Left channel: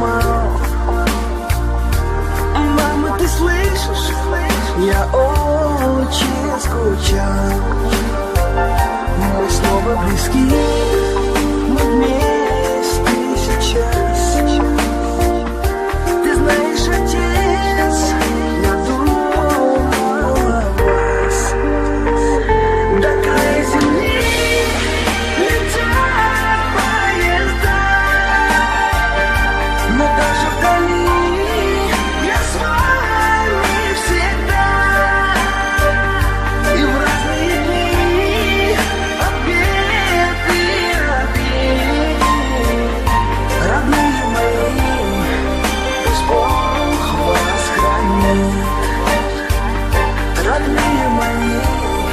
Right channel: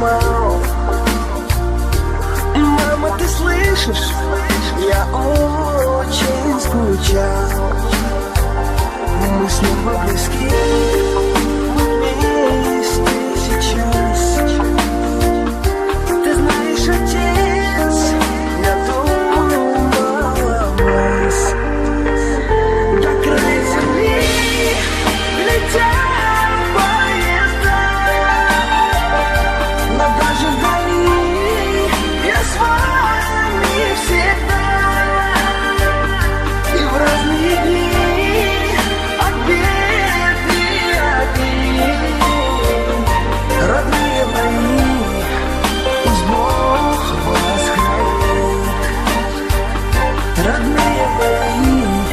туман. Мама, ты слышишь? Я очень скучал. Мы снова близки, мы вместе сейчас. Ты знаешь, отец, я думал о вас. До края земли летят поезда, но даже вдали я с вами всегда. И в разные дни от бед и обид, родные мои, пусть Бог вас хранит. Родные мои,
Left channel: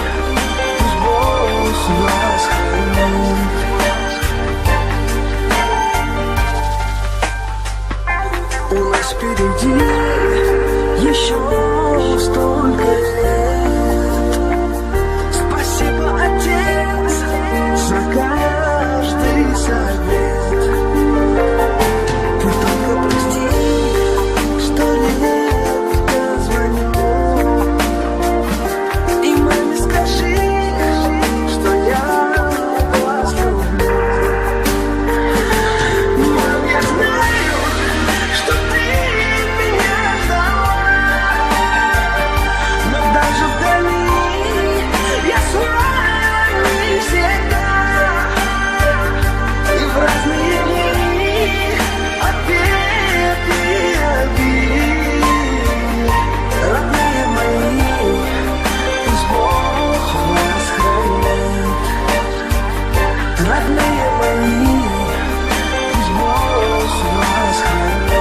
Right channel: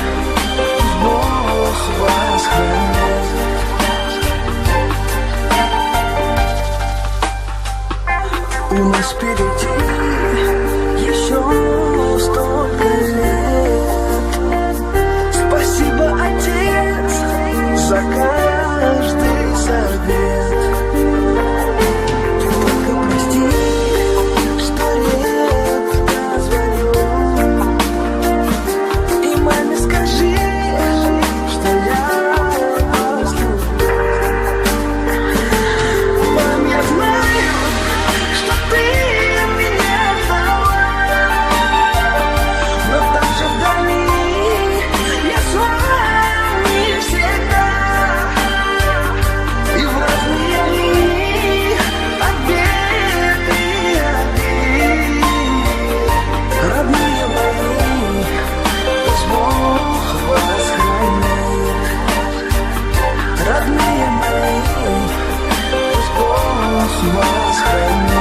пусть Бог вас хранит. У нас впереди еще столько лет. Спасибо, отец, за каждый совет. Ты только прости, что редко звоню. И маме скажи, что я вас люблю. Мам, я знаю, что ты меня ждала, но даже вдали я с вами всегда. И в разные дни от бед и обид, родные мои, пусть Бог вас хранит. Родные мои, пусть Бог вас хранит.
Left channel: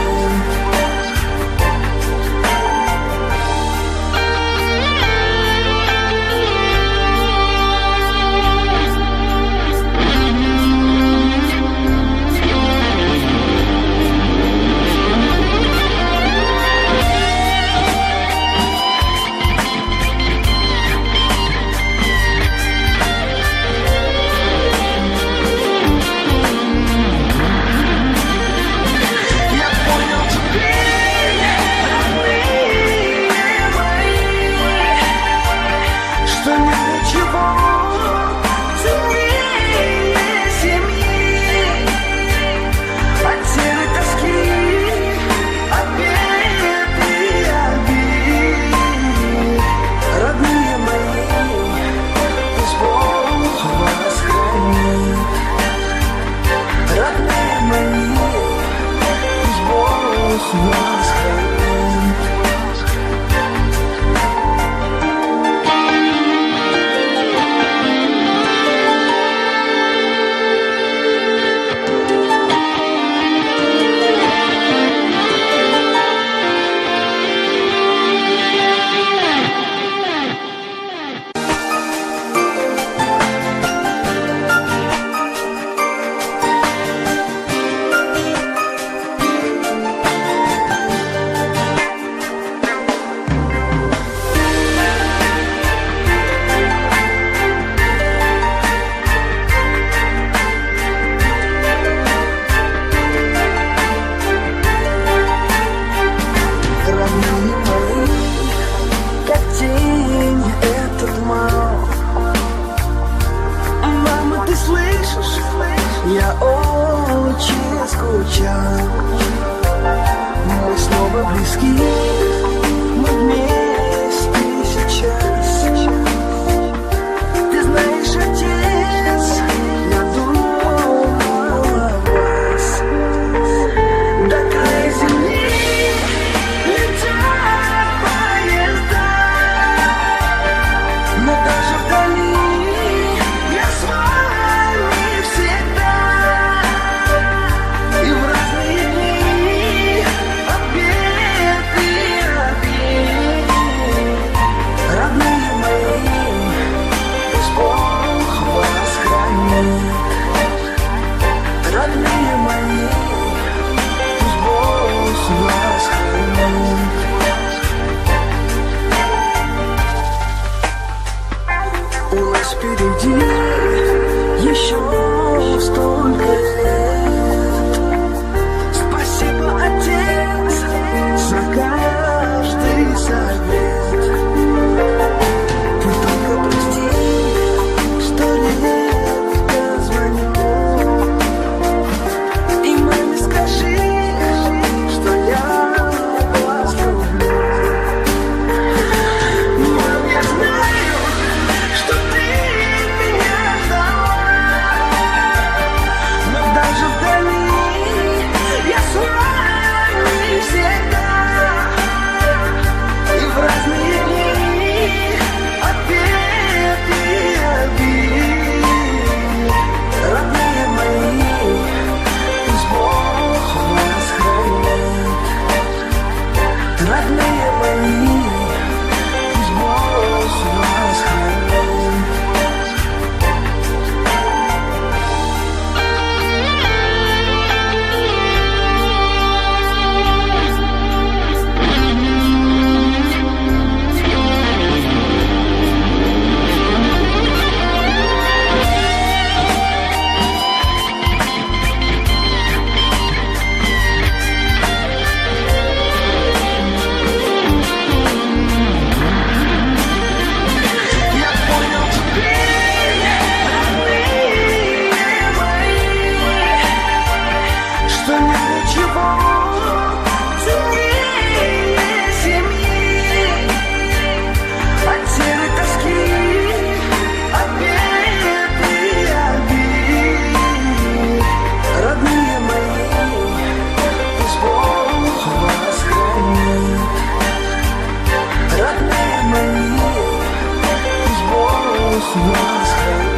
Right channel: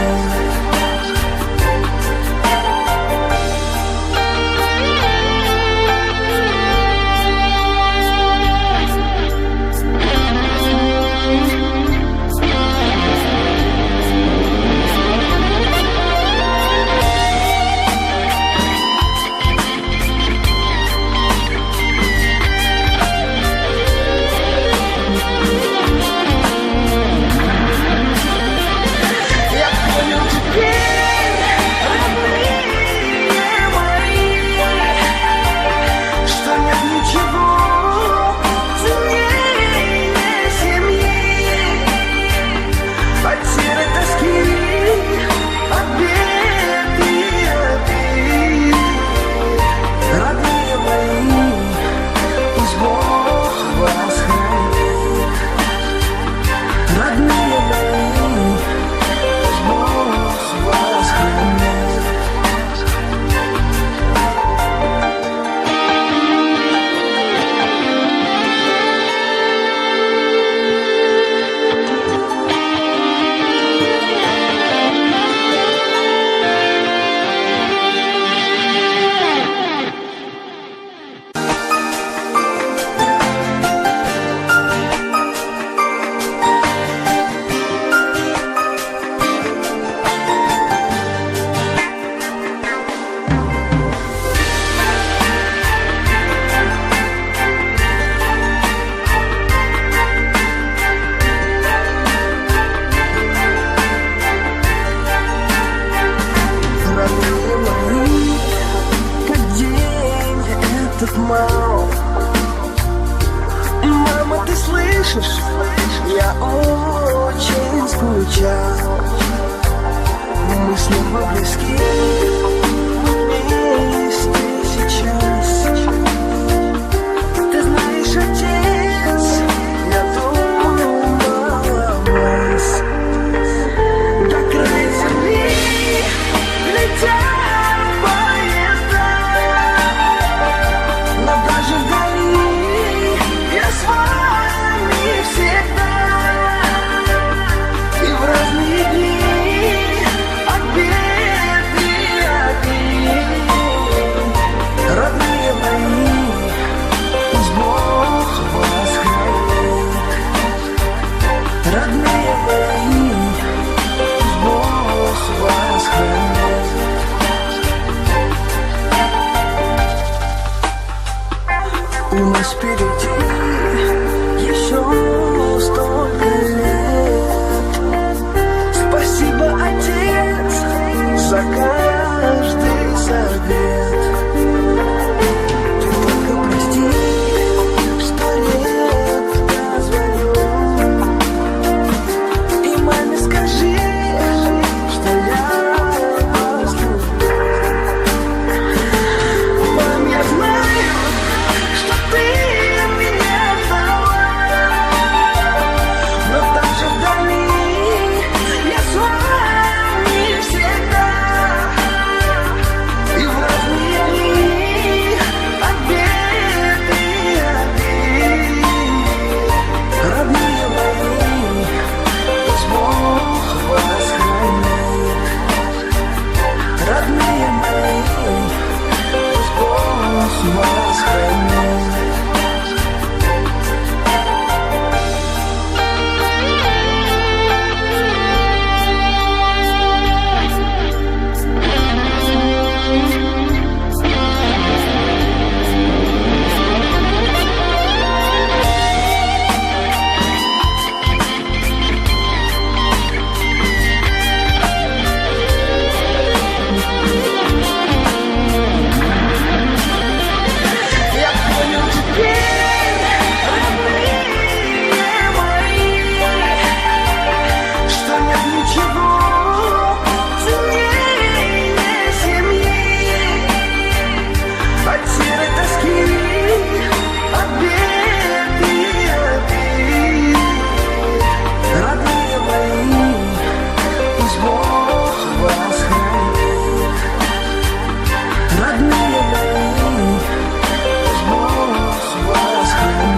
Серой тоски, от бед и обид, родные мои, пусть Бог вас хранит. Родные мои, пусть Бог вас хранит. Родные мои, как день этот мал. Мама, ты слышишь? Я очень скучал. Мы снова близки, мы вместе сейчас. Ты знаешь, отец, я думал о вас. До края земли летят поезда, но даже вдали я с вами всегда. И в разные дни от бед и обид, родные мои, пусть Бог вас хранит. Родные мои, пусть Бог вас хранит. У нас впереди еще столько лет. Спасибо, за каждый совет. Ты только прости, что редко звоню. И маме скажи, что я вас люблю. Мам, я знаю, что ты меня ждала, но даже вдали я с вами всегда. И в разные дни обед и обид. Родные мои, пусть Бог вас хранит. Родные мои, пусть Бог вас хранит. Серой тоски, от бед и обид. Родные мои, пусть Бог вас хранит. Родные мои, пусть Бог вас хранит.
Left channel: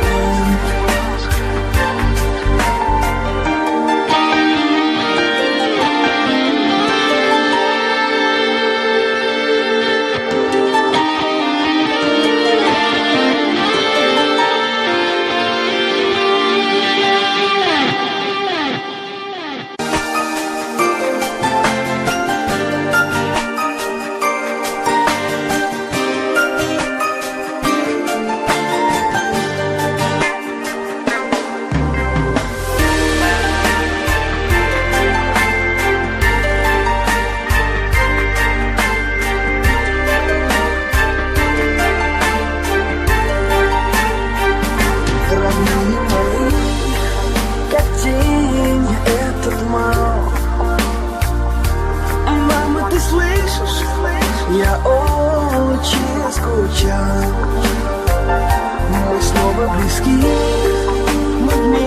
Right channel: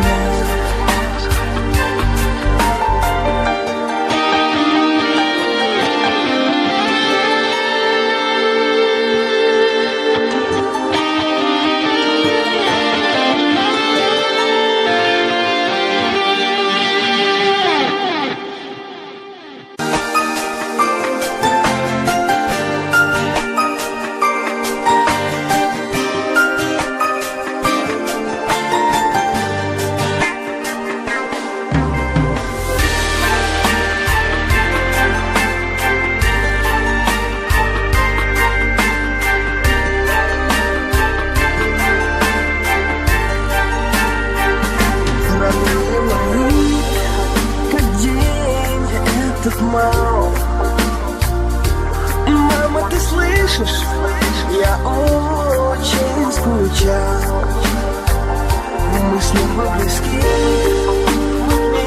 Родные мои, как день этот мал. Мама, ты слышишь? Я очень скучал. Мы снова близки, мы вместе.